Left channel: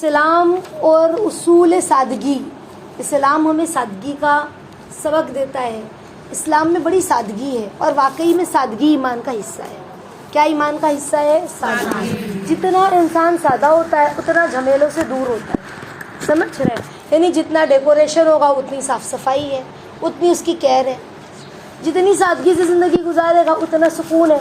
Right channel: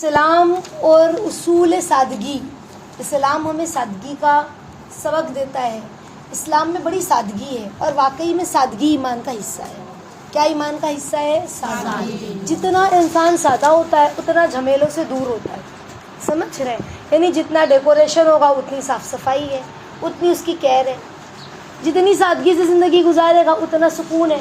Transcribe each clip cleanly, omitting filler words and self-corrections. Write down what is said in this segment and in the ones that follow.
اسلام اور اصول سادگی. اسلام ہمیں سادگی کا سبق دیتا ہے. اسلام میں بڑی سادگی ہے اور واقعی میں سادگی ایمان کا حصہ ہے. کیا ایمان کا حصہ ہے؟ سادگی. جتنا انسان سادہ ہوتا ہے اتنا جھمیلوں سے دور ہوتا ہے. سمجھ رہے ہیں؟ یعنی جتنا ڈیکوریشن ہوگا اتنی صاف صفائی ہے، اتنی اس کی کیئر ہے. جتنی سادگی سے زندگی گزارے گا اتنا سکون ہے.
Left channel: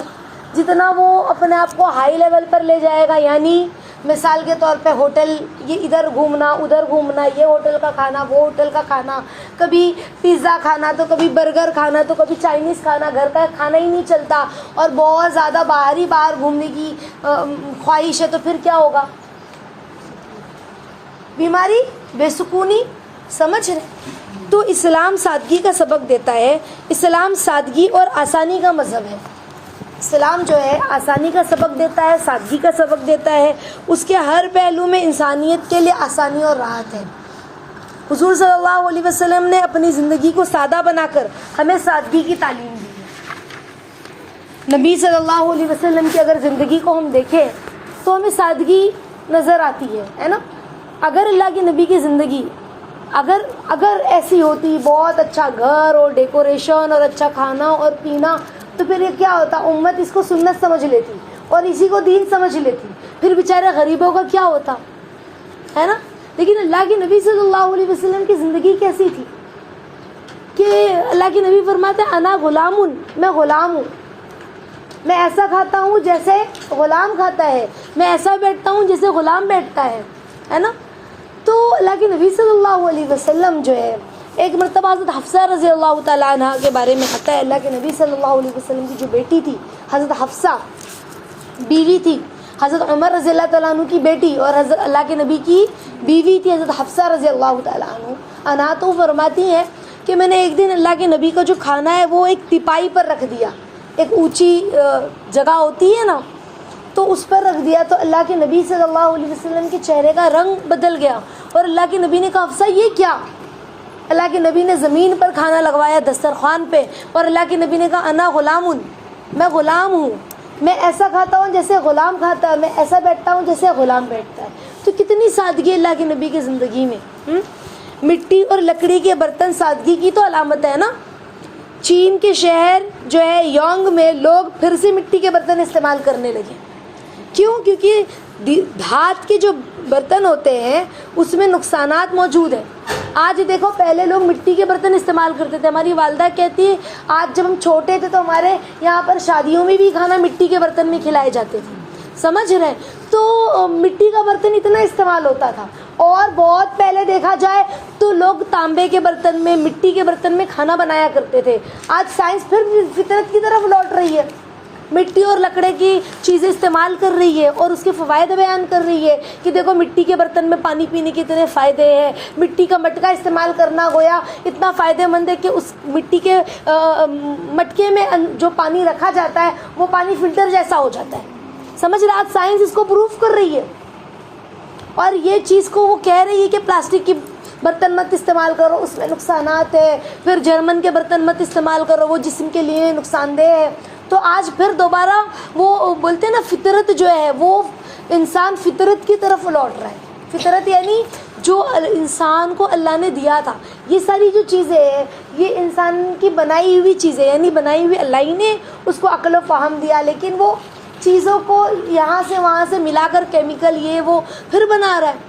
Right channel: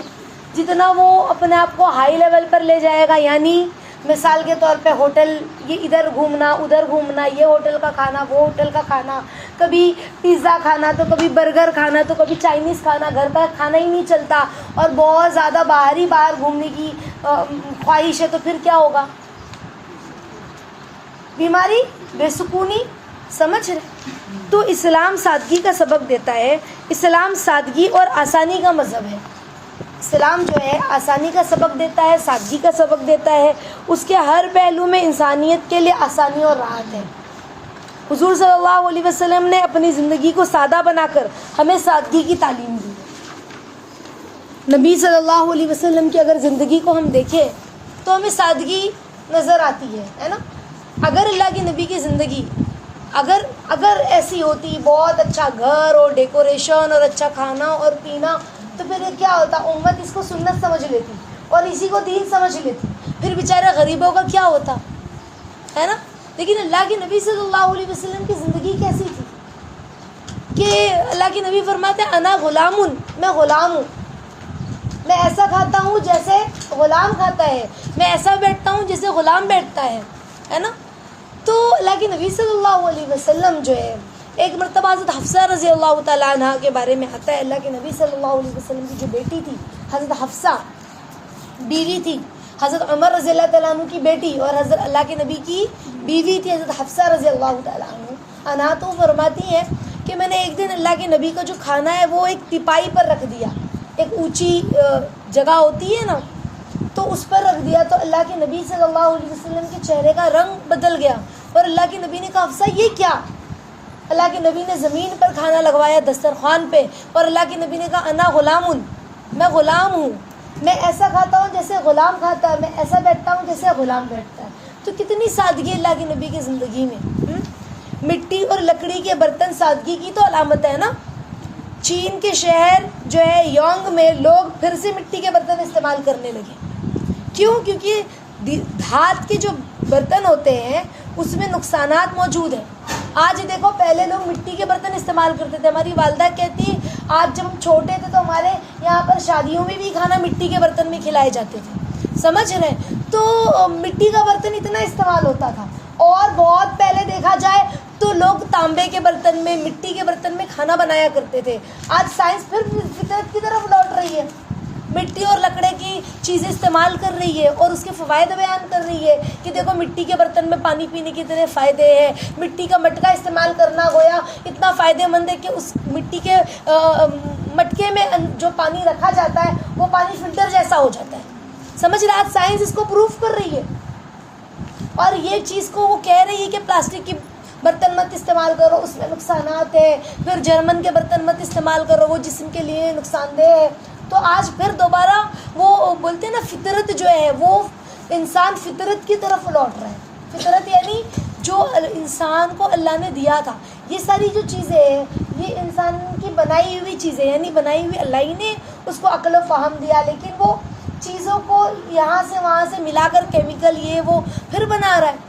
جتنا وہ اپنے آپ کو ہائی لیول پر لے جائے گا، یعنی مثال کے طور پہ ہوٹل، یہ ادھر گھومنا ادھر گھومنا، یہ ہوٹل کا کھانا وہ ہوٹل کا کھانا، کبھی پیزا کھانا تو کبھی برگر کھانا تو کبھی چائنیز کھانا، گھر کا کھانا ہی نہیں چلتا اور بہت زیادہ باہر گھومنے کی خواہش ہے، تو پھر کیا ہوگا؟ بیماری، بے سکونی. سمجھ رہے؟ تو اسلام سادگی کا سبق دیتا ہے. اسلام سادگی اور آسانی کا مذہب ہے. اسلام جو ہے آسانی کا سبق دیتا ہے، سادگی کا سبق دیتا ہے. اس کے ہر پہلو میں انسانیت کے لیے آسانی اور راحت ہے. حضور صلی اللہ علیہ وسلم نے اپنی زندگی کو سادہ بنا کر ہمیں سادگی کی تعلیم دی ہے. نبی صلی اللہ علیہ وسلم کی اگر زندگی کو ہم دیکھیں تو ہمیں سادگی نظر آتی ہے نا. اگر اللہ کے نبی کی زندگی اگر ایسی ہوتی، بہت اچھا گھر اور ڈیکوریشن اور اچھا کھانا اور پینا، تو پھر یہ کیا ہوتا؟ امت اس کو سنت سمجھ لیتی اور اسی کو دین سمجھ لیتی. پھر بیچارے غریبوں کا کیا ہوتا ہے نا. لیکن اللہ کے نبی صلی اللہ علیہ وسلم کی زندگی کیسی تھی کہ اللہ کے نبی فرماتے ہیں انا غلام، میں غلام ہوں. میں ایسا کھاتا ہوں جیسے غلام کھاتا ہے، میں ایسا بیٹھتا ہوں جیسے غلام بیٹھتا ہے نا. تو اللہ کے نبی صلی اللہ علیہ وسلم جو ہے، ایک مرتبہ حضرت حفصہ رضی اللہ تعالیٰ عنہ کے بارے میں آتا ہے. اللہ کے نبی صلی اللہ علیہ وسلم کی جو بیٹی تھی حضرت حفصہ، بیوی تھی حضرت عمر رضی اللہ تعالیٰ عنہ کی بیٹی، اور حضرت اللہ کے نبی کی بیوی تھی حضرت حفصہ رضی اللہ تعالیٰ عنہ. تو فرماتی ہیں کہ میں نے ایک دن اللہ کے نبی کا جو کھانا ہے وہ ایک تپائی پر رکھ دیا. ایک اونچی جگہ ہوتی ہے نا، تو اس پر رکھ دیا. تو اللہ کے نبی صلی اللہ علیہ وسلم کے چہرے کا رنگ بدل گیا اور اللہ کے نبی نے کہا حفصہ یہ کیا؟ اللہ کے نبی نے زمین پر کھانا لگوایا دسترخوان پہ، اور اللہ کے نبی نے کہا انا غلام، میں غلام ہوں. میں ایسا کھاتا ہوں جیسے غلام کھاتا ہے، میں ایسا بیٹھتا ہوں جیسے غلام بیٹھتا ہے. تو کتنی سادگی اللہ کے نبی کی زندگی میں. مٹی اور لکڑی کے برتن سادگی کی تو علامت ہے نا. چین کے شہر جو ہے یونگ میں لوگ پھر سے مٹی کے برتن استعمال کرنے لگے. کیوں؟ کیونکہ دھات کے جو برتن ہوتے ہیں اس میں نقصانات موجود ہیں. آج دیکھو، پہلے لوگ مٹی کے برتن استعمال کرتے تھے. ہماری والدہ کہتی ہے آج جب ہم چھوٹے تھے تو ہمارے یہاں پر شادیوں میں بھی کھانا مٹی کے برتن میں کھلائے جاتے تھے. سمجھ رہے ہیں؟ تو مٹی کا برتن اتنا استعمال ہوتا تھا. اور بہت پہلے دیکھا جائے تو لوگ تانبے کے برتن میں، مٹی کے برتن میں کھانا بنایا کرتے تھے. آج سائنس پھر فطرت کی طرف لوٹ رہی ہے، مٹی اور لکڑے کی چیزیں استعمال کر رہی ہے اور اس کے فوائد بیان کر رہی ہے کہ دیکھو مٹی کے برتن میں پانی پینے کے اتنے فائدے ہیں. مٹی کا مٹکا استعمال کرنا گویا اتنا فائدہ مند ہے کہ اس مٹی کے مٹکے میں جو پانی رکھا جاتا ہے وہ پانی فلٹر جیسا ہو جاتا ہے. سمجھ رہے؟ آج سائنس اس کو پروف کر رہی ہے. اور یہ چیز کو وہ کہہ رہی ہے کہ پلاسٹک کی برتن مت استعمال کرو، اس میں نقصانات ہے. پھر جرمن کے برتن مت استعمال کرو، وہ جسم کے لیے نقصان دہ ہے. تو آج پھر دوبارہ وہ بولتے ہیں نا، فطرت جو ہے وہ انسان فطرت کی طرف لوٹ رہا ہے. فطرت یعنی جو انسان کو اللہ نے دیا تھا. یہ ساری جو چیزیں ہیں یہ انسان کی بنائی ہوئی چیزیں، یعنی بنائی ہوئی اللہ ہی نے اس کو عقل و فہم دیا، لیکن وہ چیزوں کو یہاں سے وہاں سے ملا کر کیمیکل یہ وہ پھر بنا رہا ہے.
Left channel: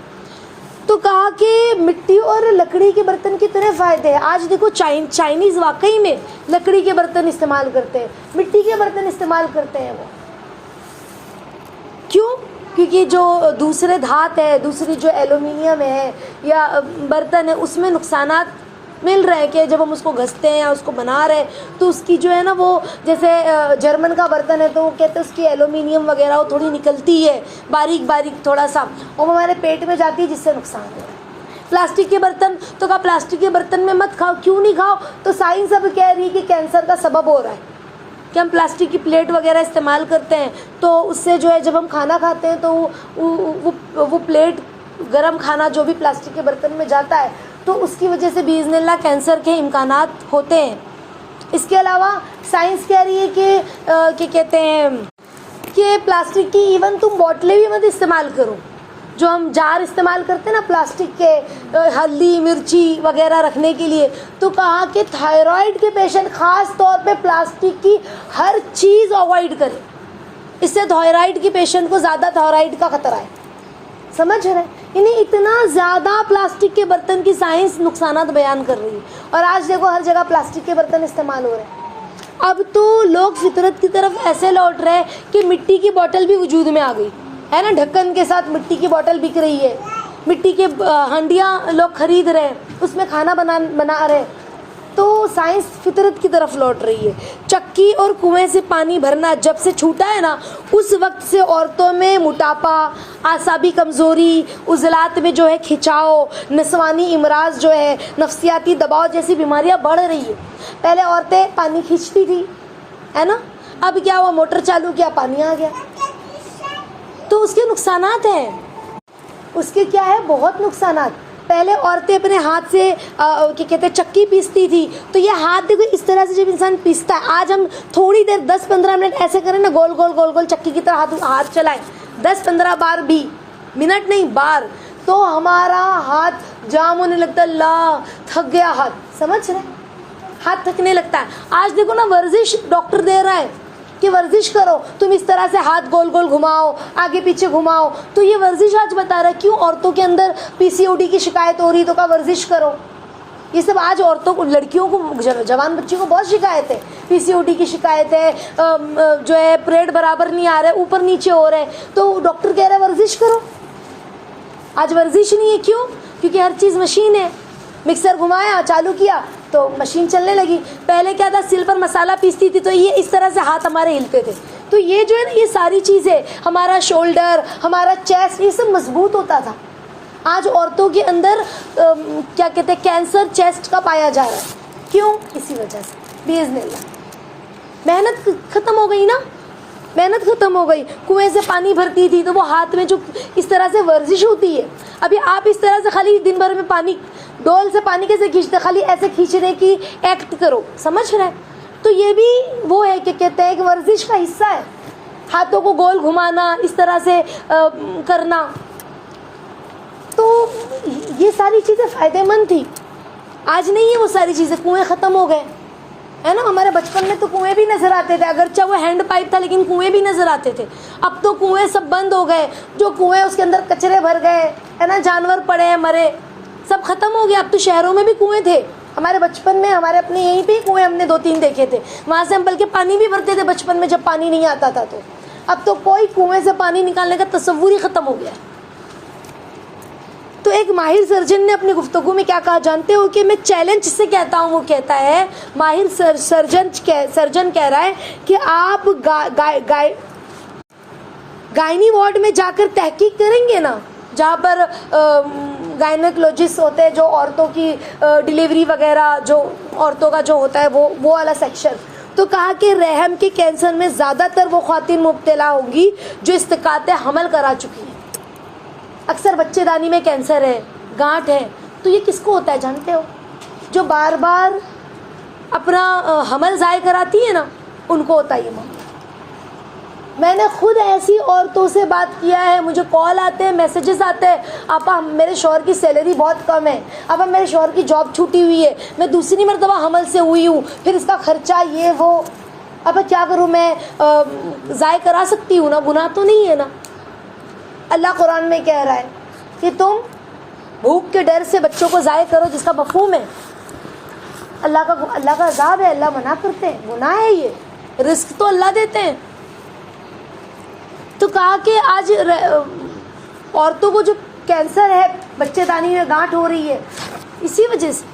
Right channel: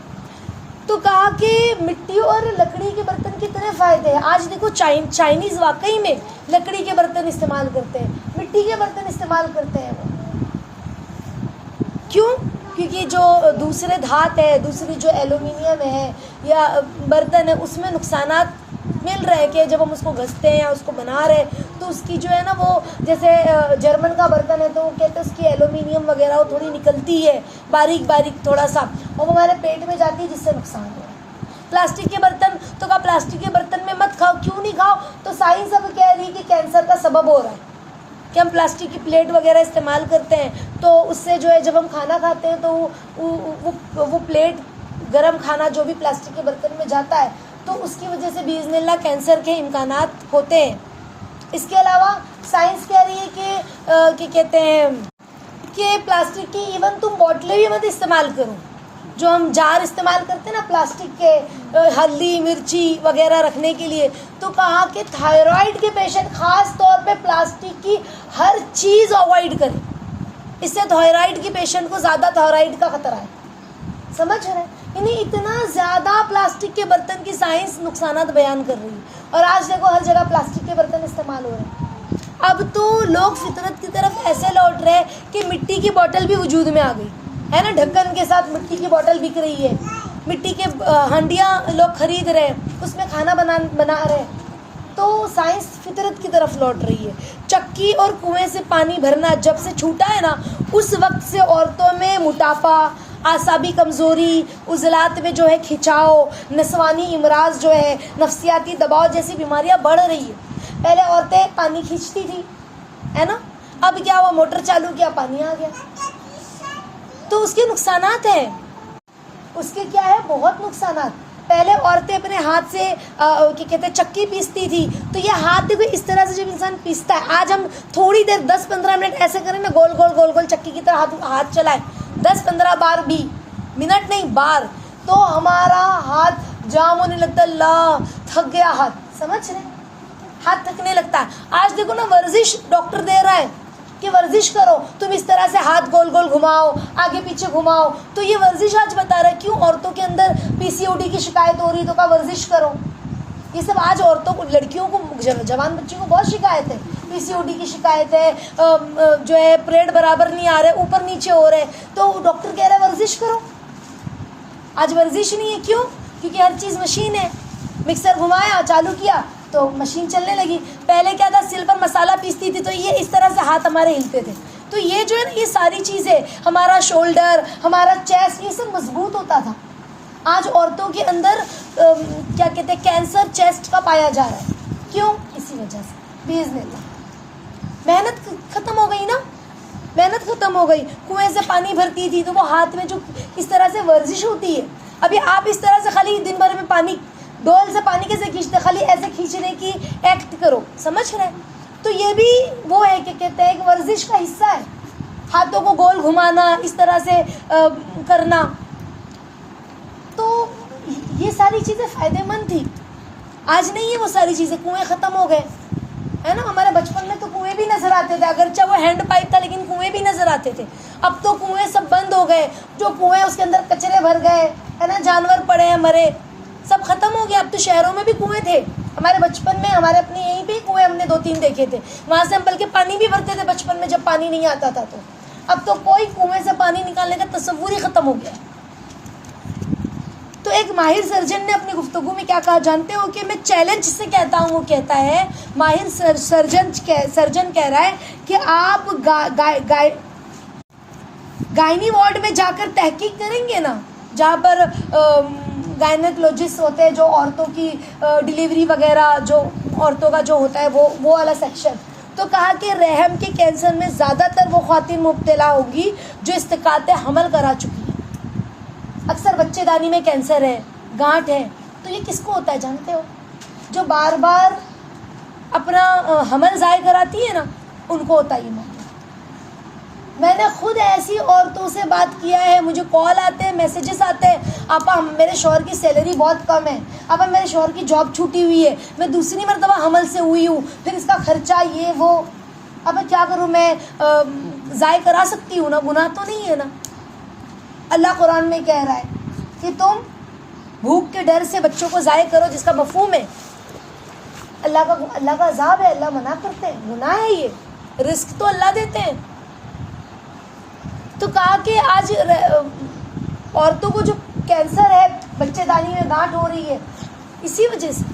تو کہا کہ مٹی اور لکڑی کے برتن کتنے فائدے ہیں. آج دیکھو چائنیز واقعی میں لکڑی کے برتن استعمال کرتے ہیں، مٹی کے برتن استعمال کرتے ہیں. وہ کیوں؟ کیونکہ جو دوسرے دھات ہے، دوسری جو ایلومینیم ہے یا برتن ہے، اس میں نقصانات مل رہے کہ جب ہم اس کو گھستے ہیں یا اس کو بنا رہے تو اس کی جو ہے نا، وہ جیسے جرمن کا برتن ہے تو وہ کہتے ہیں اس کی ایلومینیم وغیرہ وہ تھوڑی نکلتی ہے باریک تھوڑا سا، اور وہ ہمارے پیٹ میں جاتی ہے جس سے نقصان ہے. پلاسٹک کے برتن تو کہا پلاسٹک کے برتن میں مت کھاؤ. کیوں نہیں کھاؤ؟ تو سائنس اب کہہ رہی ہے کہ کینسر کا سبب ہو رہا ہے کہ ہم پلاسٹک کی پلیٹ وغیرہ استعمال کرتے ہیں. تو اس سے جو ہے جب ہم کھانا کھاتے ہیں تو وہ پلیٹ، گرم کھانا جو بھی پلاسٹک کے برتن میں جاتا ہے تو اس کی وجہ سے باذن اللہ کینسر کے امکانات ہوتے ہیں. اس کے علاوہ سائنس کہہ رہی ہے کہ کہتے ہیں کہ پلاسٹک کی ایون تم بوٹلیں بھی مت استعمال کرو. جو ہم جار استعمال کرتے ہیں نا پلاسٹک کے ہلدی مرچی وغیرہ رکھنے کے لیے، تو کہا کہ تھائرائڈ کے پیشنٹ خاص طور پہ پلاسٹک کی ہر چیز اوائڈ کریں، اس سے تھائرائڈ کے پیشنٹ کو زیادہ تھائرائڈ کا خطرہ ہے. سمجھ رہے ہیں؟ یعنی اتنا زیادہ پلاسٹک کے برتن کی سائنس نقصانات بیان کر رہی ہے، اور آج دیکھو ہر جگہ پلاسٹک کے برتن استعمال ہو رہے ہیں. اب تو لوگ فطرت کی طرف ایسے لوٹ رہے ہیں کہ مٹی کی بوتل بھی وجود میں آ گئی ہے نا، ڈھکن کے ساتھ مٹی کی بوتل بک رہی ہے، مٹی کے ہنڈیاں لوگ خرید رہے ہیں، اس میں کھانا بنا رہے ہیں. تو سائنس فطرت کی طرف لوٹ رہی ہے. چکی اور کنویں سے پانی بھرنا جب سے چھوٹا ہے نا، اس وقت سے عورتوں میں موٹاپا، اعصابی کمزوری، عضلات میں جو ہے کھچاؤ، نسوانی امراض جو ہے، نفسیاتی دباؤ جیسی بیماریاں بڑھ رہی ہے. پہلے عورتیں پانی کھینچتی تھی ہے نا، اب کیا ہوا، موٹر چالو کیا پانی آ گیا. تو اس کے نقصانات ہیں، اس کے کیا ہے، بہت نقصانات. پہلے عورتیں اپنے ہاتھ سے کیا کہتے ہیں چکی پیستی تھی، تو یہ ہاتھ دیکھو اس طرح سے جب انسان پیستا ہے، آج ہم تھوڑی دیر 10-15 منٹ ایسے کریں نا، گول گول گول گول چکی کی طرح ہاتھ چلائے 10-15 بار بھی، منٹ نہیں بار، تو ہمارا ہاتھ جام ہونے لگتا ہے. اللہ تھک گیا ہاتھ، سمجھ رہے، ہاتھ تھکنے لگتا ہے. آج دیکھو نا ورزش ڈاکٹر دے رہا ہے کہ ورزش کرو، تم اس طرح سے ہاتھ گول گول گھماؤ، آگے پیچھے گھماؤ. تو یہ ورزش آج بتا رہا ہے کیوں عورتوں کے اندر PCOD کی شکایت ہو رہی، تو کا ورزش کرو. یہ سب آج عورتوں کو، لڑکیوں کو، جوان بچیوں کو بہت شکایت ہے، PCOD کی شکایت ہے، جو ہے پیریڈ برابر نہیں آ رہے، اوپر نیچے ہو رہے، تو ڈاکٹر کہہ رہا ہے ورزش کرو. آج ورزش نہیں ہے، کیوں؟ کیونکہ ہر چیز مشین ہے. مکسر گھمایا، چالو کیا تو مشین چلنے لگی. پہلے کیا تھا، سل پر مسالہ پیستی تھی تو یہ اس طرح سے ہاتھ ہمارے ہلتے تھے. تو یہ جو ہے نا، یہ ساری چیزیں، ہمارا شولڈر، ہمارا چیسٹ، یہ سب مضبوط ہوتا تھا. آج عورتوں کے اندر کیا کہتے ہیں کینسر چیسٹ کا پایا جا رہا ہے. کیوں؟ اسی وجہ سے باذن اللہ. محنت ختم ہو گئی نا، محنت ختم ہو گئی. کنویں سے پانی بھرتی تھی تو وہ ہاتھ میں جو اس طرح سے ورزش ہوتی ہے. ابھی آپ اس طرح سے خالی دن بھر میں پانی، ڈول سے پانی کیسے کھینچتے، خالی ایسے کھینچنے کی ایکٹ کرو، سمجھ رہے ہیں. تو یہ بھی وہ ہے کہ کہتے ہیں کہ ورزش کا حصہ ہے، ہاتھوں کو گول گھمانا، اس طرح سے کرنا. تو یہ ساری چیزیں فائدے مند تھی. آج نہیں ہے وہ ساری چیزیں، کنویں ختم ہو گئے ہے نا. ہمارے بچپن میں تو کنویں بھی نظر آتے تھے، اگرچہ وہ ہینڈ پائپ تھا لیکن کنویں بھی نظر آتے تھے. اب تو کنویں سب بند ہو گئے، جو کنویں اس کے اندر کچرے بھر گئے ہے نا، جانور پڑے ہیں مرے، سب ختم ہو گیا. اب تو شہروں میں بھی کنویں تھے. ہمارے بچپن میں ہمارے اپنے یہیں پہ کنویں ہم نے 2-3 دیکھے تھے، وہاں سے ہم بلکہ پانی بھی بھرتے تھے بچپن میں جب پانی نہیں آتا تھا. تو اب تو کوئی کنویں سے پانی نکالنے کا تصور ہی ختم ہو گیا ہے. تو ایک ماہر سرجن نے اپنی گفتگو میں کیا کہا جانتے ہو کہ میں چیلنج سے کہتا ہوں، وہ کہتا ہے، ماہر سرجن کہہ رہا ہے کہ آپ گائنی وارڈ میں جا کر تحقیق کریں گے نا، جہاں پر گائنیکولوجسٹ ہوتے ہیں، جو عورتوں کی ڈلیوری وغیرہ، جو عورتوں کا جو ہوتا ہے وہ والا سیکشن. تو کہا کہ رحم کے کینسر میں زیادہ تر وہ خواتین مبتلا ہوں گی جو استقاط حمل کرا چکی ہیں. اکثر بچے دانی میں کینسر ہے، گانٹ ہے. تو یہ کس کو ہوتا ہے جانتے ہو؟ جو بار بار اپنا حمل ضائع کراتی ہے نا، ان کو ہوتا ہے یہ معاملہ. میں نے خود ایسی عورتوں سے بات کیا ہے، مجھے کال آتے ہیں، میسیجز آتے ہیں، آپا میرے شوہر کی سیلری بہت کم ہے، اب میرے شوہر کی جاب چھوٹی ہوئی ہے، میں دوسری مرتبہ حمل سے ہوئی ہوں، پھر اس کا خرچہ یہ وہ، اب کیا کروں، میں ضائع کرا سکتی ہوں نا، گناہ تو نہیں ہے نا. اللہ قرآن میں کہہ رہا ہے کہ تم بھوک کے ڈر سے بچوں کو ضائع کرو، جس کا مفہوم ہے اللہ کا عذاب ہے، اللہ منع کرتے ہیں، گناہ ہے یہ. رزق تو اللہ دیتے ہیں. تو کہا کہ آج عورتوں کو جو کینسر ہے، بچے دانی میں گانٹ ہو رہی ہے، اسی وجہ سے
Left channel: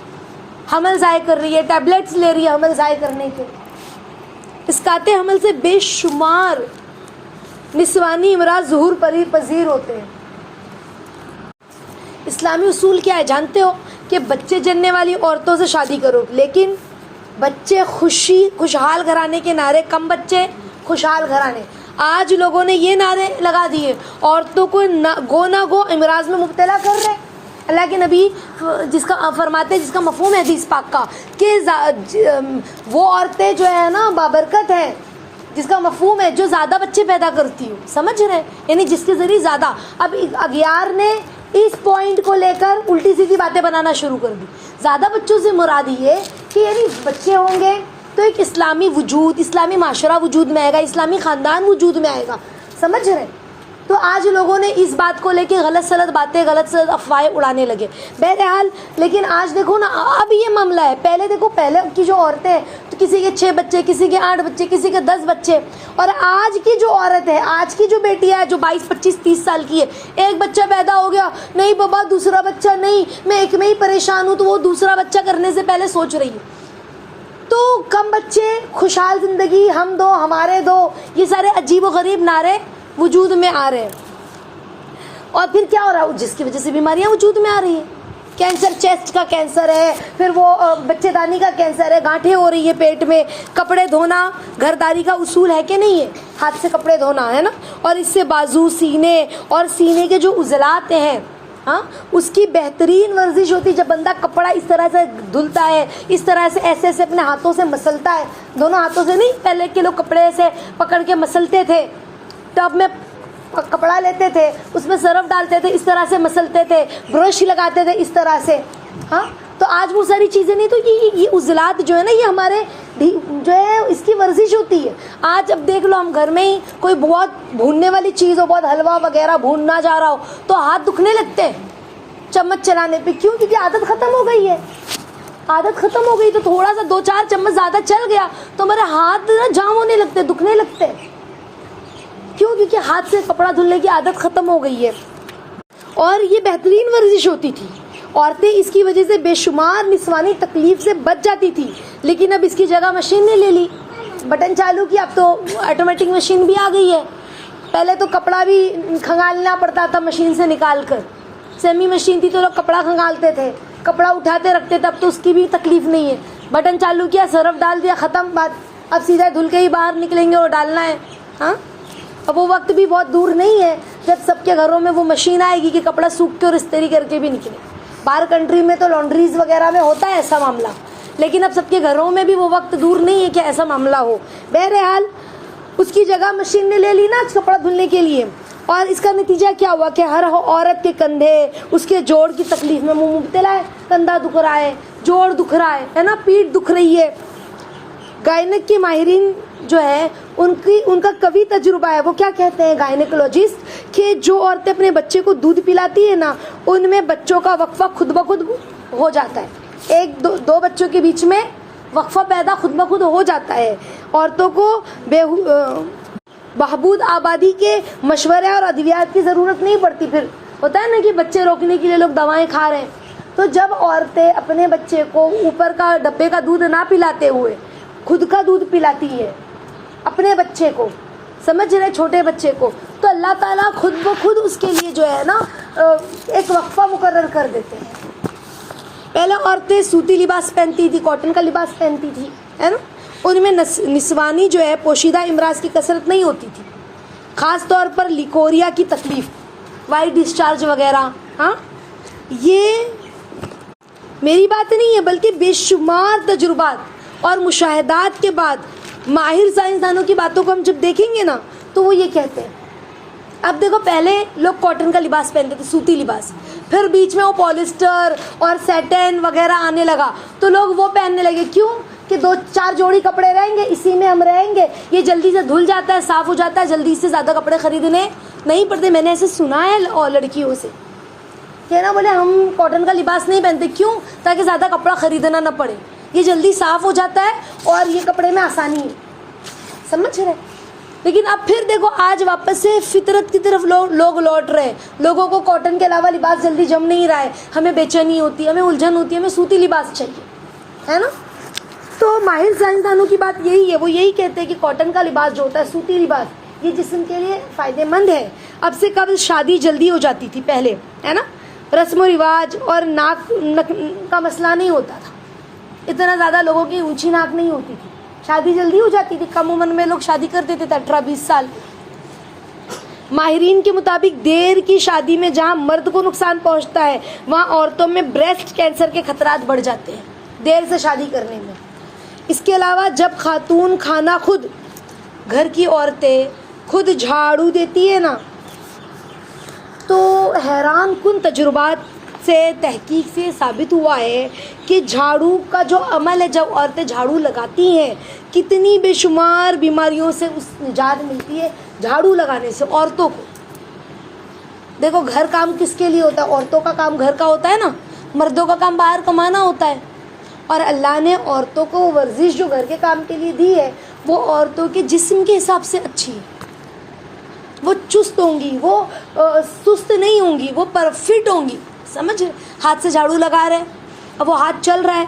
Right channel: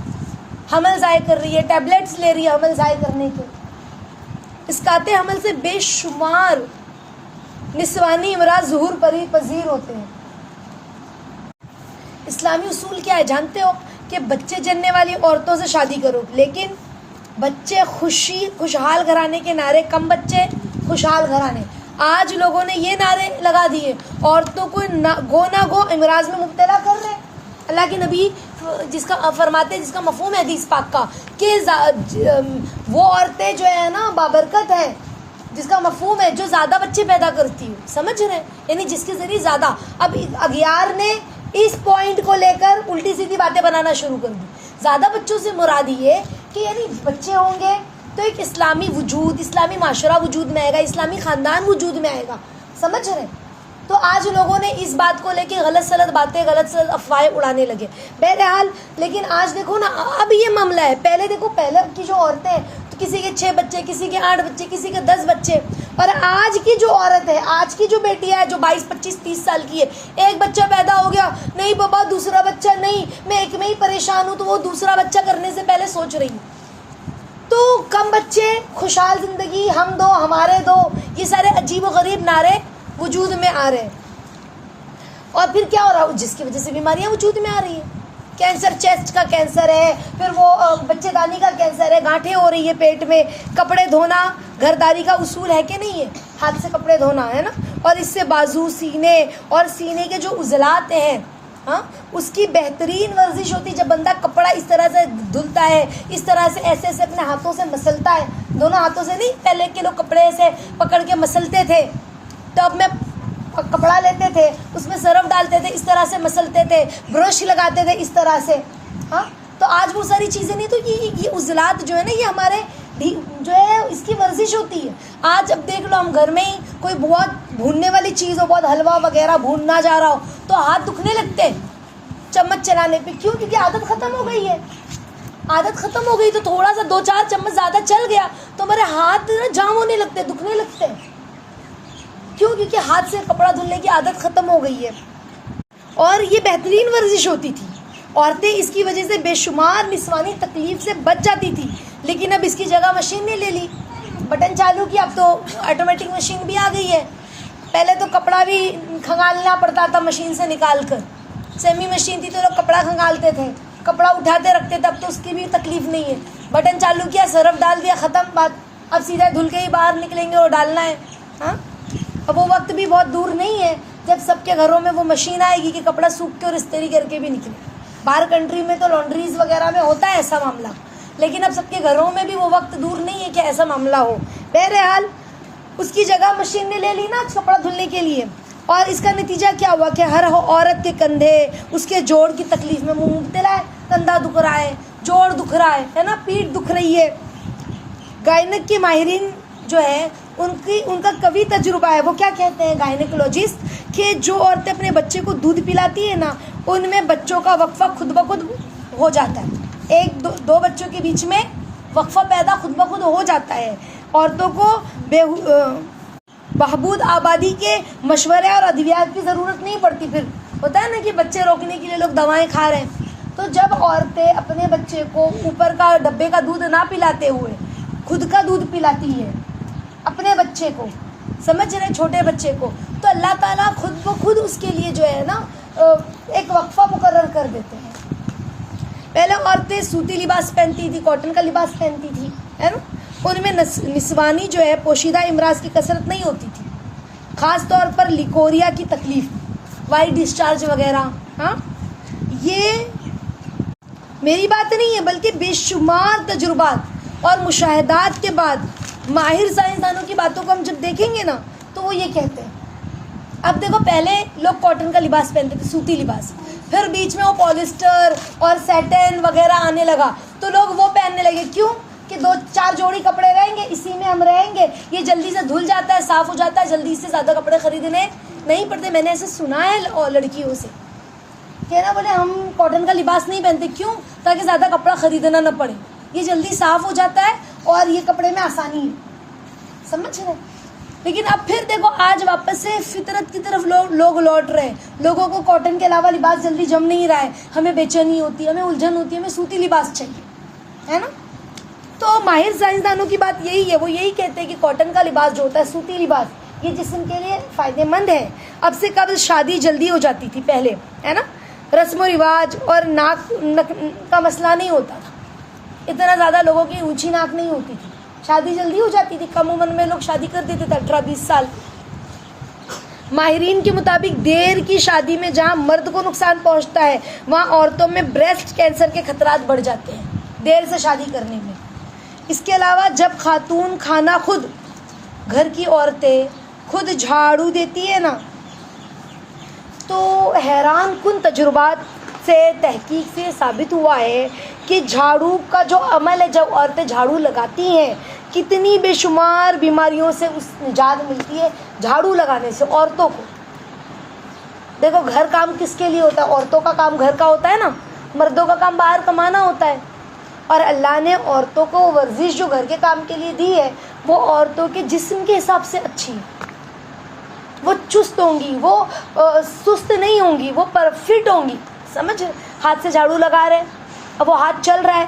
حمل ضائع کر رہی ہے، ٹیبلٹس لے رہی ہے حمل ضائع کرنے کے. اسقاط حمل سے بے شمار نسوانی امراض ظہور پذیر ہوتے ہیں. اسلامی اصول کیا ہے جانتے ہو؟ کہ بچے جننے والی عورتوں سے شادی کرو، لیکن بچے خوشحال گھرانے کے نعرے، کم بچے خوشحال گھرانے. آج لوگوں نے یہ نعرے لگا دیے، عورتوں کو گو نہ گو امراض میں مبتلا کر رہے. اللہ کے نبی جس کا فرماتے، جس کا مفہوم ہے حدیث پاک کا، کہ وہ عورتیں جو ہے نا بابرکت ہیں جس کا مفہوم ہے جو زیادہ بچے پیدا کرتی ہو، سمجھ رہے ہیں، یعنی جس کے ذریعے زیادہ. اب اغیار نے اس پوائنٹ کو لے کر الٹی سیدھی باتیں بنانا شروع کر دی. زیادہ بچوں سے مراد یہ کہ یعنی بچے ہوں گے تو ایک اسلامی وجود، اسلامی معاشرہ وجود میں آئے گا، اسلامی خاندان وجود میں آئے گا، سمجھ رہے ہیں. تو آج لوگوں نے اس بات کو لے کے غلط سلط باتیں، غلط سلط افواہیں اڑانے لگے. بہرحال لیکن آج دیکھو نا، اب یہ معاملہ ہے. پہلے دیکھو، پہلے کی جو عورتیں ہیں تو کسی کے 6 بچے، کسی کے 8 بچے، کسی کے 10 بچے. اور آج کی جو عورت ہے، آج کی جو بیٹی ہے جو 22 25 30 سال کی ہے، ایک بچہ پیدا ہو گیا، نہیں بابا دوسرا بچہ نہیں، میں ایک میں ہی پریشان ہوں، تو وہ دوسرا بچہ کرنے سے پہلے سوچ رہی ہوں. تو کم بچے، خوشحال زندگی، ہم دو ہمارے دو، یہ سارے عجیب و غریب نعرے وجود میں آ رہے ہیں. اور پھر کیا ہو رہا ہے، جس کی وجہ سے بیماریاں وجود میں آ رہی ہیں. کینسر، چیسٹ کا کینسر ہے، پھر وہ بچے دانی کا کینسر ہے، گانٹھیں ہو رہی ہے پیٹ میں. کپڑے دھونا گھرداری کا اصول ہے کہ نہیں ہے، ہاتھ سے کپڑے دھونا ہے نا. اور اس سے بازو، سینے اور سینے کے جو عضلات ہیں، ہاں، اس کی بہترین ورزش ہوتی ہے. جب بندہ کپڑا اس طرح سے دھلتا ہے، اس طرح سے ایسے ایسے اپنے ہاتھوں سے مسلتا ہے، دونوں ہاتھوں سے نہیں، پہلے کے لوگ کپڑے سے پکڑ کے مسلتے تھے، ٹب میں کپڑا لیتے تھے، اس میں سرف ڈالتے تھے، اس طرح سے مسلتے تھے، برش لگاتے تھے اس طرح سے. ہاں، تو آج وہ ساری چیزیں نہیں. تو یہ عضلات جو ہے نا، یہ ہمارے جو ہے اس کی ورزش ہوتی ہے. آج اب دیکھ لو، ہم گھر میں ہی کوئی بہت بھوننے والی چیز ہو، بہت حلوہ وغیرہ بھوننا جا رہا ہو تو ہاتھ دکھنے لگتے ہیں چمچ چلانے پہ. کیوں؟ کیونکہ عادت ختم ہو گئی ہے. عادت ختم ہو گئی تو تھوڑا سا 2-4 چمچ زیادہ چل گیا تو ہمارے ہاتھ جام ہونے لگتے، دکھنے لگتے. کیوں؟ کیونکہ ہاتھ سے کپڑا دھلنے کی عادت ختم ہو گئی ہے. اور یہ بہترین ورزش ہوتی تھی. عورتیں اس کی وجہ سے بے شمار نسوانی تکلیف سے بچ جاتی تھی. لیکن اب اس کی جگہ مشین نے لے لی، بٹن چالو کیا، اب تو آٹومیٹک مشین بھی آ گئی ہے. پہلے تو کپڑا بھی کھنگالنا پڑتا تھا مشین سے نکال کر. سیمی مشین تھی تو لوگ کپڑا کھنگالتے تھے، کپڑا اٹھاتے رکھتے تھے. اب تو اس کی بھی تکلیف نہیں ہے، بٹن چالو کیا، سرف ڈال دیا، ختم بات. اب سیدھا دھل کے ہی باہر نکلیں گے اور ڈالنا ہے. ہاں، اب وہ وقت بھی بہت دور نہیں ہے جب سب کے گھروں میں وہ مشین آئے گی کہ کپڑا سوکھ کے اور استری کر کے بھی نکلے. باہر کنٹری میں تو لانڈریز وغیرہ میں ہوتا ہے ایسا معاملہ، لیکن اب سب کے گھروں میں بھی وہ وقت دور نہیں ہے کہ ایسا معاملہ ہو. بہرحال اس کی جگہ مشین نے لے لی نا کپڑا دھلنے کے لیے. اور اس کا نتیجہ کیا ہوا کہ ہر عورت کے کندھے، اس کے جوڑ کی تکلیف میں مبتلا ہے. کندھا دکھ رہا ہے، جوڑ دکھ رہا ہے نا، پیٹھ دکھ رہی ہے. گائنک کے ماہرین جو ہے ان کا قوی تجربہ ہے. وہ کیا کہتے ہیں گائنیکولوجسٹ، کہ جو عورتیں اپنے بچے کو دودھ پلاتی ہیں نا، ان میں بچوں کا وقفہ خود بخود ہو جاتا ہے. 1-2 بچوں کے بیچ میں وقفہ پیدا خود بخود ہو جاتا ہے. عورتوں کو بہبود آبادی کے مشورے اور ادویات کی ضرورت نہیں پڑتی. پھر ہوتا ہے نا کہ بچے روکنے کے لیے لوگ دوائیں کھا رہے ہیں. تو جب عورتیں اپنے بچے کو اوپر کا ڈبے کا دودھ نہ پلاتے ہوئے خود کا دودھ پلاتی ہے اپنے بچے کو، سمجھ رہے، چھوٹے بچے کو، تو اللہ تعالیٰ خود بخود اس کے لیے جو ہے نا ایک وقفہ مقرر کر دیتے ہیں. پہلے عورتیں سوتی لباس پہنتی تھی، کاٹن کا لباس پہنتی تھی، ہے نا. ان میں نسوانی جو ہے پوشیدہ امراض کی کثرت نہیں ہوتی تھی، خاص طور پر لیکوریا کی تکلیف، وائٹ ڈسچارج وغیرہ. ہاں، یہ میری بات نہیں ہے بلکہ بے شمار تجربات اور مشاہدات کے بعد ماہر سائنسدانوں کی باتوں کو ہم جب دیکھیں گے نا تو وہ یہ کہتے ہیں. اب دیکھو، پہلے لوگ کاٹن کا لباس پہنتے تھے، سوتی لباس، پھر بیچ میں وہ پولیسٹر اور سیٹن وغیرہ آنے لگا تو لوگ وہ پہننے لگے. کیوں؟ کہ 2-4 جوڑی کپڑے رہیں گے، اسی میں ہم رہیں گے، یہ جلدی سے دھل جاتا ہے، صاف ہو جاتا ہے، جلدی سے زیادہ کپڑے خریدنے نہیں پڑتے. میں نے ایسے سنا ہے لڑکیوں سے کہ نا بولے ہم کاٹن کا لباس نہیں پہنتے. کیوں؟ تاکہ زیادہ کپڑا خریدنا نہ پڑے، یہ جلدی صاف ہو جاتا ہے اور یہ کپڑے میں آسانی ہے. سمجھ رہے؟ لیکن اب پھر دیکھو، آج واپس سے فطرت کی طرف لوگ لوٹ رہے ہیں. لوگوں کو کاٹن کے علاوہ لباس جلدی جم نہیں رہا ہے، ہمیں بے چینی ہوتی ہے، ہمیں الجھن ہوتی ہے، ہمیں سوتی لباس چاہیے، ہے نا. تو ماہر سائنسدانوں کی بات یہی ہے، وہ یہی کہتے ہیں کہ کاٹن کا لباس جو ہوتا ہے، سوتی لباس، یہ جسم کے لیے فائدہ مند ہے. اب سے قبل شادی جلدی ہو جاتی تھی پہلے، ہے نا. رسم و رواج اور ناک کا مسئلہ نہیں ہوتا تھا، اتنا زیادہ لوگوں کی اونچی ناک نہیں ہوتی تھی، شادی جلدی ہو جاتی تھی. کم عمر میں لوگ شادی کر دیتے تھے، 18-20 سال. ماہرین کے مطابق دیر کی شادی میں جہاں مرد کو نقصان پہنچتا ہے، وہاں عورتوں میں بریسٹ کینسر کے خطرات بڑھ جاتے ہیں دیر سے شادی کرنے میں. اس کے علاوہ جب خاتون کھانا خود گھر کی عورتیں خود جھاڑو دیتی ہے نا، تو حیران کن تجربات سے تحقیق سے ثابت ہوا ہے کہ جھاڑو کا جو عمل ہے، جب عورتیں جھاڑو لگاتی ہیں کتنی بے شمار بیماریوں سے اس نجات ملتی ہے جھاڑو لگانے سے عورتوں کو۔ دیکھو گھر کام کس کے لیے ہوتا ہے؟ عورتوں کا کام گھر کا ہوتا ہے نا، مردوں کا کام باہر کمانا ہوتا ہے، اور اللہ نے عورتوں کو وہ ورزش جو گھر کے کام کے لیے دی ہے وہ عورتوں کے جسم کے حساب سے اچھی ہے، وہ چست ہوں گی، وہ سست نہیں ہوں گی، وہ پرفٹ ہوں گی۔ سمجھ، ہاتھ سے جھاڑو لگا رہے ہیں، اب وہ ہاتھ چل رہا ہے،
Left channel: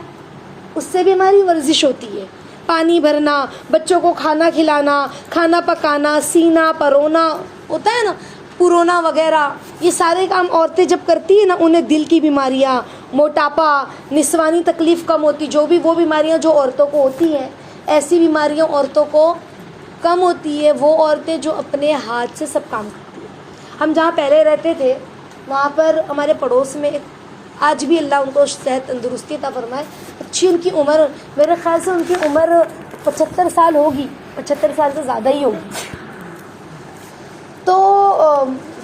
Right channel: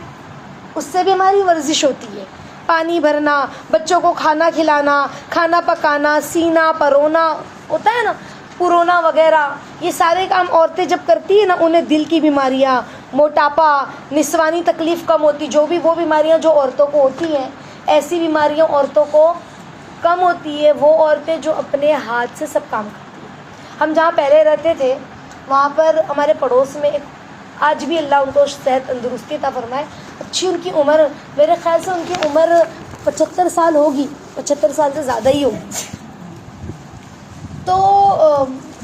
اس سے بھی ہماری ورزش ہوتی ہے۔ پانی بھرنا، بچوں کو کھانا کھلانا، کھانا پکانا، سینا پرونا ہوتا ہے نا، پرونا وغیرہ، یہ سارے کام عورتیں جب کرتی ہیں نا، انہیں دل کی بیماریاں، موٹاپا، نسوانی تکلیف کم ہوتی، جو بھی وہ بیماریاں جو عورتوں کو ہوتی ہیں، ایسی بیماریاں عورتوں کو کم ہوتی ہے وہ عورتیں جو اپنے ہاتھ سے سب کام کرتی ہیں۔ ہم جہاں پہلے رہتے تھے وہاں پر ہمارے پڑوس میں ایک، آج بھی اللہ ان کو صحت تندرستی عطا فرمائے، اچھی ان کی عمر، میرے خیال سے ان کی عمر 75 سال ہوگی، 75 سال سے زیادہ ہی ہوگی۔ تو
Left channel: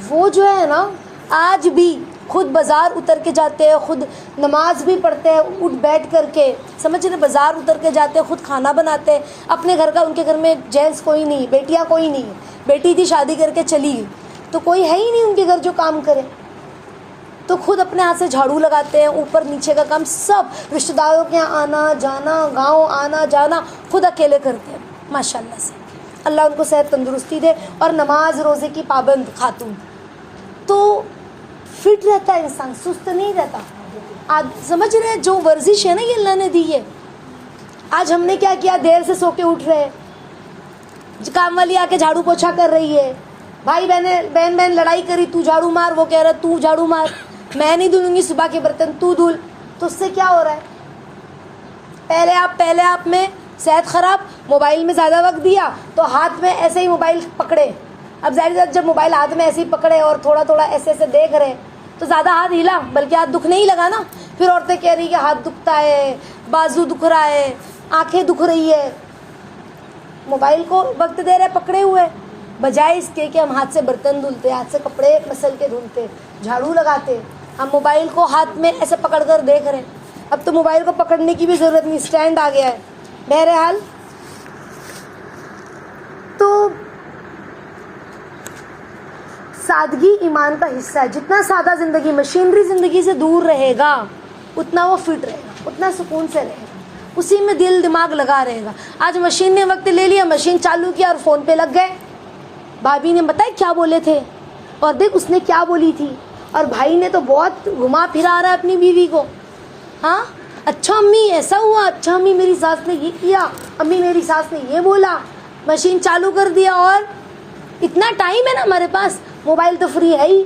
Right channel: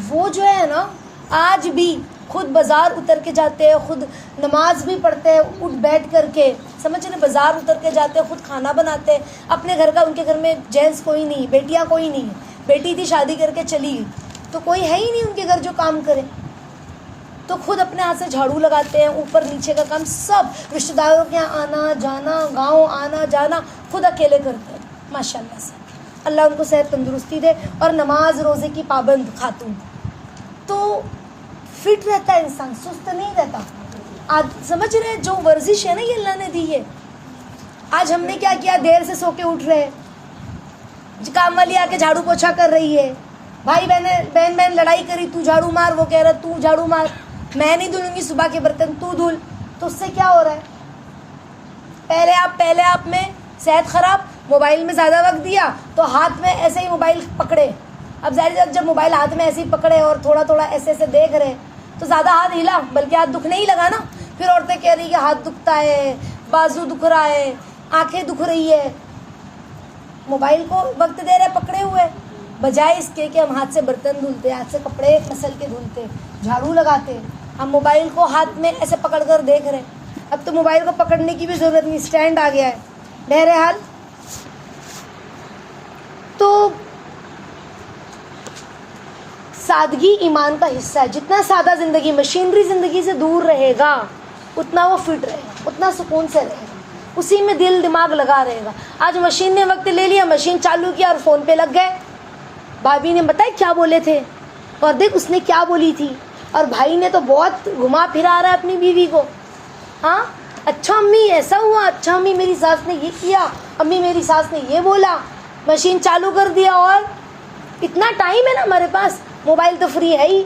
وہ جو ہے نا آج بھی خود بازار اتر کے جاتے ہیں، خود نماز بھی پڑھتے ہیں اٹھ بیٹھ کر کے، سمجھ رہے، بازار اتر کے جاتے ہیں، خود کھانا بناتے ہیں اپنے گھر کا۔ ان کے گھر میں جینٹس کوئی نہیں، بیٹیاں کوئی نہیں، بیٹی تھی شادی کر کے چلی گئی تو کوئی ہے ہی نہیں ان کے گھر جو کام کرے، تو خود اپنے ہاتھ سے جھاڑو لگاتے ہیں، اوپر نیچے کا کام سب، رشتہ داروں کے یہاں آنا جانا، گاؤں آنا جانا خود اکیلے کرتے ہیں ماشاء اللہ سے، اللہ ان کو صحت تندرستی دے، اور نماز روزے کی پابند خاتون، تو فٹ رہتا ہے انسان، سست نہیں رہتا۔ آج سمجھ رہے ہیں جو ورزش ہے نا یہ اللہ نے دی ہے۔ آج ہم نے کیا کیا، دیر سے سو کے اٹھ رہے ہیں، کام والی آ کے جھاڑو پوچھا کر رہی ہے، بھائی بہن لڑائی کری، تو جھاڑو مار، وہ کہہ رہا تو جھاڑو مار، میں نہیں دھلوں گی صبح کے برتن، تو دھل، تو اس سے کیا ہو رہا ہے، پہلے آپ میں صحت خراب، موبائل میں زیادہ وقت دیا تو ہاتھ میں ایسے ہی موبائل پکڑے، اب ظاہر بات جب موبائل ہاتھ میں ایسے ہی پکڑے اور تھوڑا تھوڑا ایسے ایسے دیکھ رہے تو زیادہ ہاتھ ہلا، بلکہ ہاتھ دکھ نہیں لگا نا، پھر عورتیں کہہ رہی کہ ہاتھ دکھتا ہے، بازو دکھ رہا ہے، آنکھیں دکھ رہی ہے، موبائل کو وقت دے رہے پکڑے ہوئے، بجائے اس کے کہ ہم ہاتھ سے برتن دھلتے، ہاتھ سے کپڑے مسل کے دھلتے، جھاڑو لگاتے، ہم موبائل کو ہاتھ میں ایسے پکڑ کر دیکھ رہے۔ اب تو موبائل کو پکڑنے کی بھی ضرورت نہیں، اسٹینڈ آ گیا ہے۔ بہرحال تو سادگی ایمان کا حصہ ہے، جتنا سادہ زندگی، مشینری زندگی سے دور رہے گا اتنا وہ فٹ رہے گا، اتنا سکون سے رہے گا، اسی میں دل دماغ لگا رہے گا۔ آج مشین نے وقت لے لیا، مشین چالو کیا اور فون پہ لگ گئے، بھابھی نے بتایا کیا بولے تھے اور دیکھ اس نے کیا بولی تھی، اور بھائی نے تو بہت گھما پھرا رہا ہے اپنی بیوی کو، ہاں اچھا امی ایسا ہوا، اچھا امی میری ساس نے یہ کیا، امی میری ساس نے یہ بولا، مشین چالو کر دیا، اور اتنا ٹائم ہے نا ہمارے پاس، موبائل تو فری ہے ہی،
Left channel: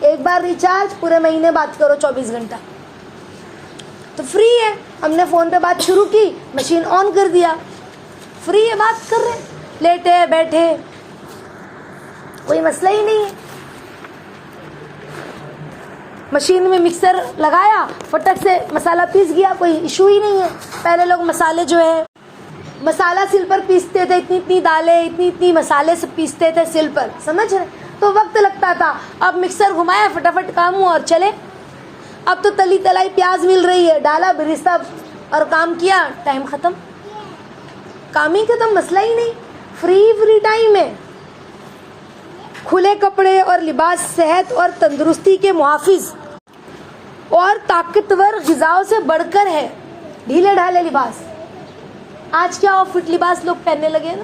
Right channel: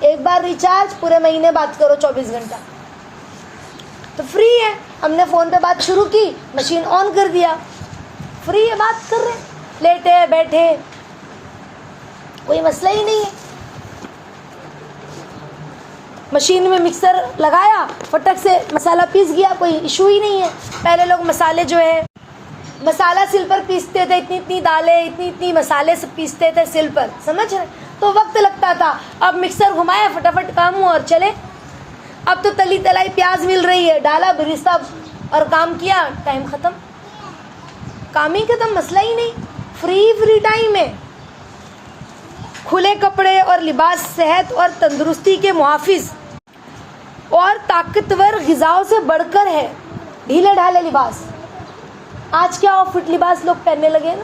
ایک بار ریچارج، پورے مہینے بات کرو 24 گھنٹہ تو فری ہے، ہم نے فون پہ بات شروع کی، مشین آن کر دیا، فری ہے، بات کر رہے، لیٹے بیٹھے، کوئی مسئلہ ہی نہیں ہے۔ مشین میں مکسر لگایا، فٹک سے مسالہ پیس گیا، کوئی ایشو ہی نہیں ہے۔ پہلے لوگ مسالے جو ہے مسالہ سل پر پیستے تھے، اتنی دالیں، اتنی مسالے سے پیستے تھے سل پر، سمجھ رہے، تو وقت لگتا تھا، اب مکسر گھمایا فٹافٹ کام ہوا اور چلے۔ اب تو تلی تلائی پیاز مل رہی ہے، ڈالا برستہ اور کام کیا، ٹائم ختم، کام ہی ختم، مسئلہ ہی نہیں، فری ٹائم ہے۔ کھلے کپڑے اور لباس صحت اور تندرستی کے محافظ اور طاقتور غذاؤں سے بڑھ کر ہے۔ ڈھیلے ڈھالے لباس، آج کیا آف فٹ لباس لوگ پہننے لگے نا،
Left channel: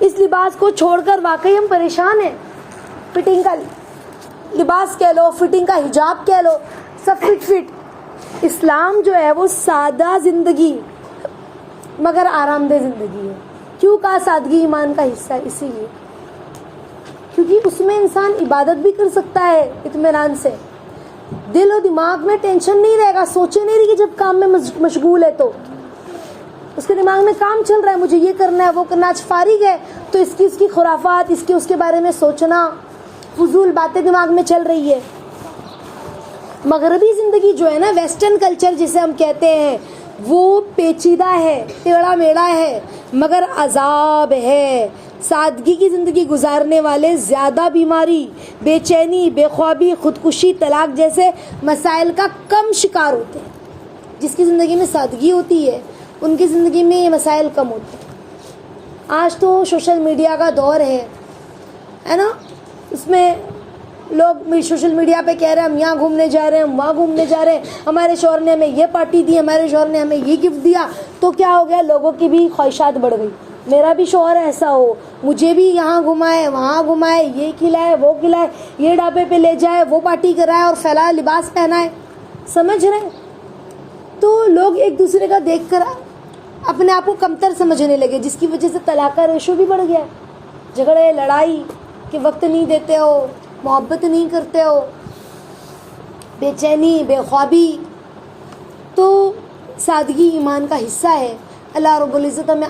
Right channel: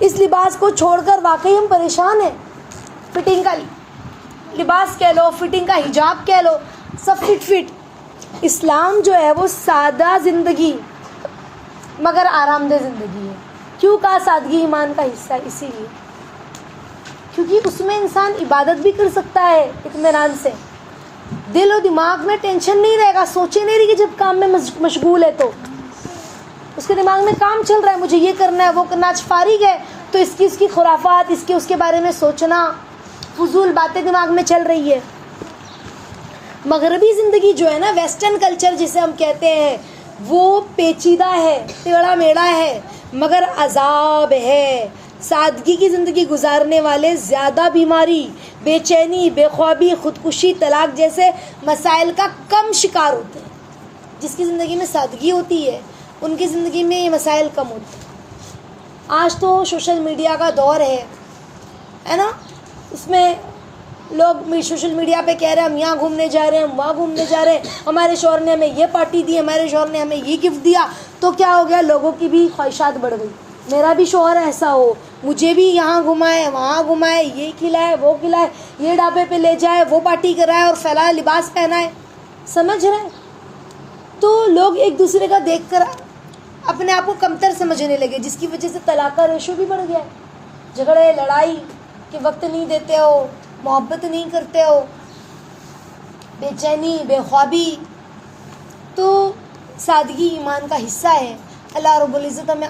اس لباس کو چھوڑ کر واقعی ہم پریشان ہیں۔ فٹنگ کا لباس کہہ لو، فٹنگ کا حجاب کہہ لو، سب فٹ۔ اسلام جو ہے وہ سادہ زندگی مگر آرام دہ زندگی ہے۔ کیوں کہا سادگی ایمان کا حصہ ہے؟ اسی لیے کیونکہ اس میں انسان عبادت بھی کر سکتا ہے اطمینان سے، دل و دماغ میں ٹینشن نہیں رہے گا، سوچے نہیں رہی کہ جب کام میں مشغول ہے تو اس کے دماغ میں کام چل رہا ہے، مجھے یہ کرنا ہے وہ کرنا، آج فارغ ہے تو اس کی خرافات، اس کے بارے میں سوچنا، فضول باتیں دماغ میں چل رہی ہے۔ مغربی زندگی جو ہے نا، ویسٹرن کلچر جسے ہم کہتے ہیں، وہ پیچیدہ ہے، ٹیڑھا میڑھا ہے، مگر عذاب ہے. سادگی کی زندگی گزارنے والے زیادہ بیماری، بے چینی، بے خوابی، خودکشی، طلاق جیسے مسائل کا کم شکار ہوتے ہیں. جس کی زندگی میں سادگی ہوتی ہے ان کی زندگی میں یہ مسائل کم ہوتے ہیں. آج تو سوشل میڈیا کا دور ہے نا، اس میں لوگ سوشل میڈیا پہ کہہ رہے ہیں ہم یہاں گھومنے جا رہے ہیں، ہم وہاں گھومنے جا رہے ہیں، ہمارے شوہر نے ہمیں یہ پارٹی دی، ہمارے شوہر نے ہمیں یہ گفٹ دیا. تو کیا ہو گیا، لوگوں کی بھی خواہشات بڑھ گئی، میرا بھی شوہر ایسا ہو، مجھے بھی یہاں گھمائے وہاں گھمائے، یہ کھلائے وہ کھلائے، یہ ڈھابے پہ لے جائے، وہ پارٹی کرائے اور پھیلائے لباس پہنائے. سمجھ رہے ہیں؟ تو لوگ ایک دوسرے کا دیکھ کر اپنے آپ کو کمتر سمجھنے لگے، جس کی وجہ سے طلاق کا ریشو بھی بڑھ گیا. جھگڑے لڑائی کہ وقت نہیں دیتے ہو، محبت نہیں کرتے ہو، بے چینی، بے خوابی. تو سادگی ایمان کا حصہ ہے. اللہ رب العزت ہمیں